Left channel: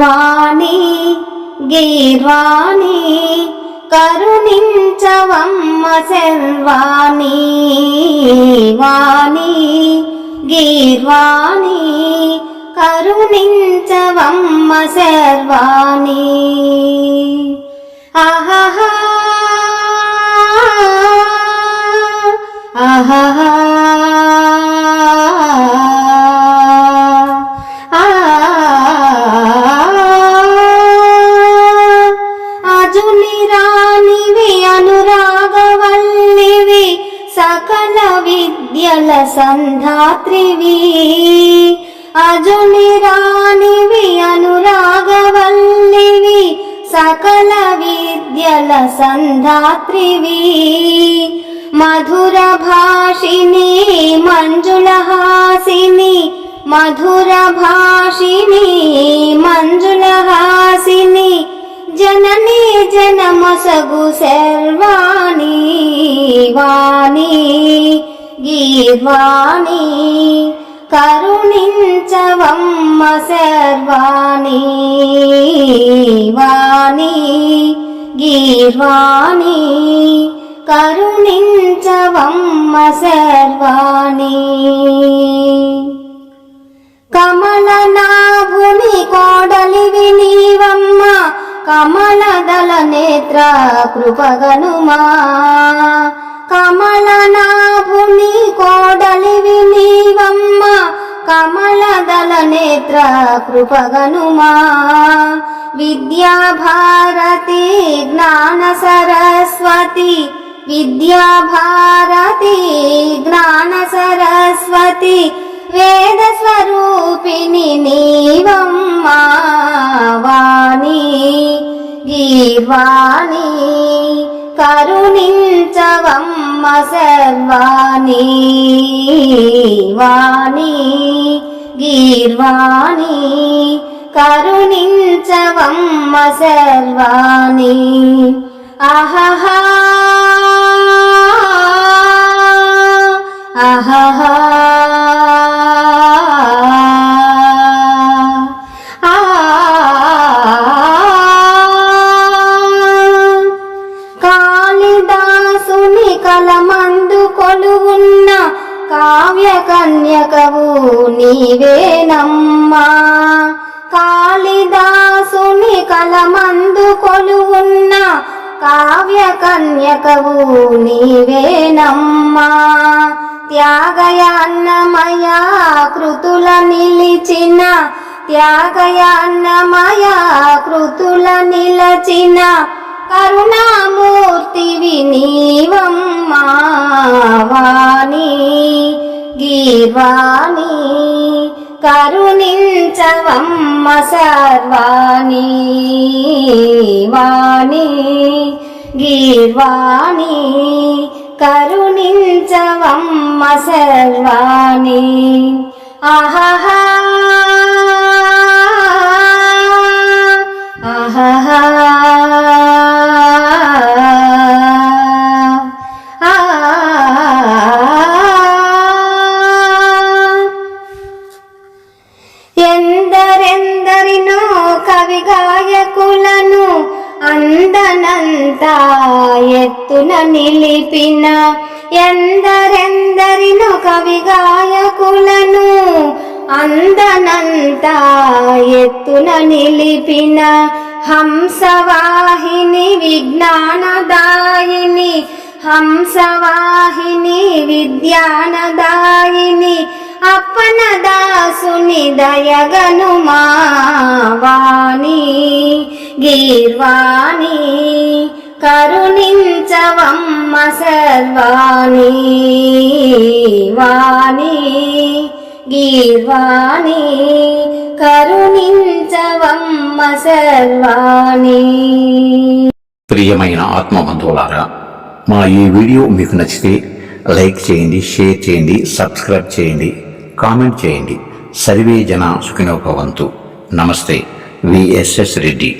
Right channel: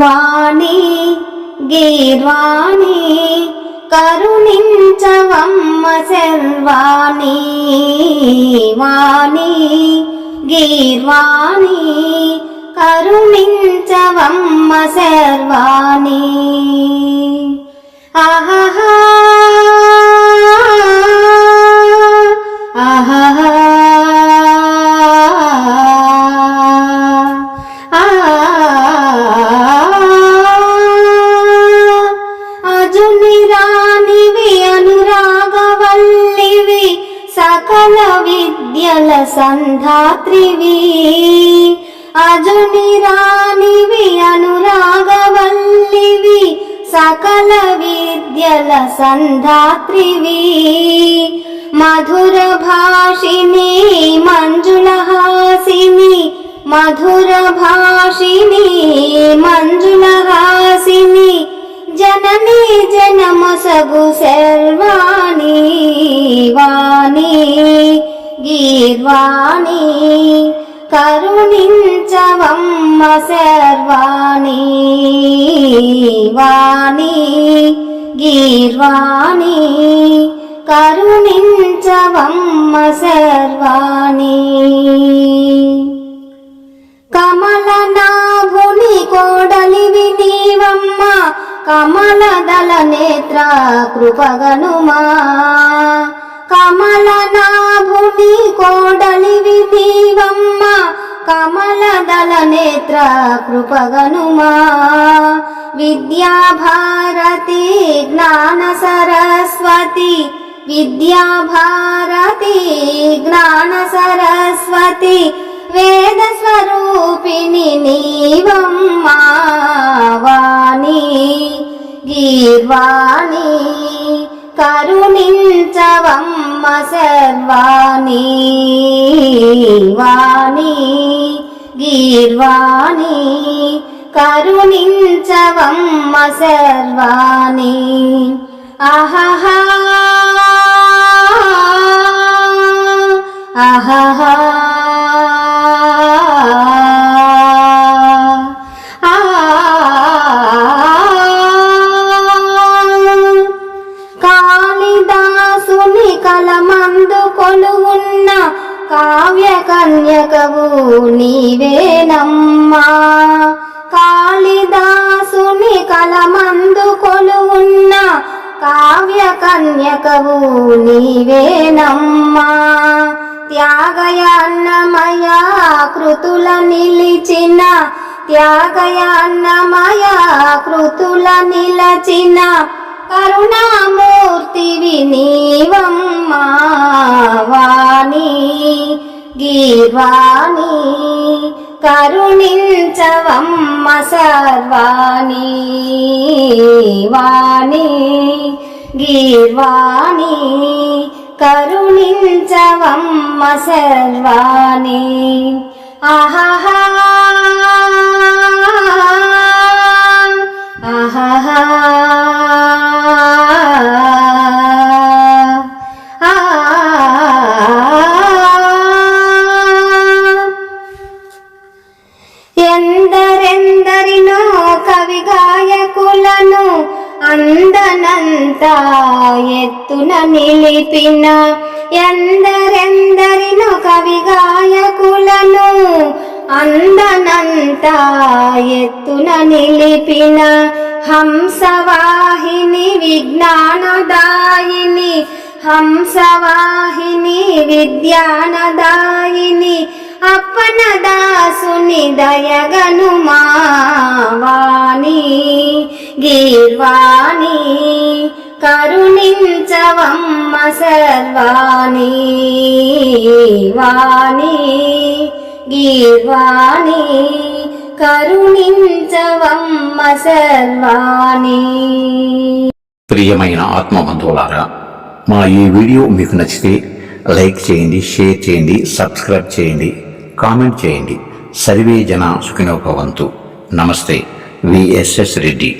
వాణి గీర్వాణి కరుణించవమ్మ శర్వాణి. వాణి గీర్వాణి కరుణించవమ్మ శర్వాణి. ఆహా ఆహా సకల విద్యల సంధాత్రివి. అజుని రాణివి అనురాగవల్లివి సకల విద్యల సంధాత్రివి. మధుర భాషిని మంజులహాసిని మధుర భాషిని మంజులహాసిని జననీ జనమసగు శర్వాణి. వాణి గీర్వాణి కరుణించవమ్మ శర్వాణి. వాణి గీర్వాణి కరుణించవమ్మ శర్వాణి. కమలనాభుని కోడలివి నీవమ్మ కమలదళ నేత్ర కృపగనుమా. కమలనాభుని కోడలివి నీవమ్మ కమలదళ నేత్ర కృపగనుమా. విద్యాభారతి జ్ఞాన సరస్వతి విద్యాభారతి జ్ఞాన సరస్వతి వేద స్వరూపిణి నీవమ్మ. వాణి గీర్వాణి కరుణించవమ్మ శర్వాణి. వాణి గీర్వాణి కరుణించవమ్మ శర్వాణి. ఆహా ఆహా కాళిదాసుని కలమందు కొలువున్న కావ్య కన్యకవు నీవేనమ్మా. కాళిదాసుని కలమందు కొలువున్న కావ్య కన్యకవు నీవేనమ్మా. త్యాగయాన్నమయ కృతుల నిలిచిన త్యాగయాన్నమయ కృతుల నిలచిన కరుణామూర్తివి నీవమ్మ. వాణి గీర్వాణి కరుణించవమ్మ శర్వాణి. వాణి గీర్వాణి కరుణించవమ్మ శర్వాణి. ఆహా ఆహా ఎందరెందరినో కవి గాయకులను అందనంత ఎత్తున నిలిపిన ఎందరెందరినో కవి గాయకులను అందనంత ఎత్తున నిలిపిన హంసవాహిని విజ్ఞానదాయిని హంసవాహిని విద్యానదాయిని అప్పన దాసుని దయగనుమా. వాణి గీర్వాణి కరుణించవమ్మ శర్వాణి. వాణి గీర్వాణి కరుణించవమ్మ శర్వాణి. ప్రియమైన ఆత్మబంధువులారా, మా ఈ వీడియో మీకు నచ్చితే లైక్ చేయండి, షేర్ చేయండి, సబ్స్క్రైబ్ చేయండి, కామెంట్ చేయండి. సర్వే జన సుఖినో భవంతు. నమస్తే. విఎస్ఎస్ రెడ్డి.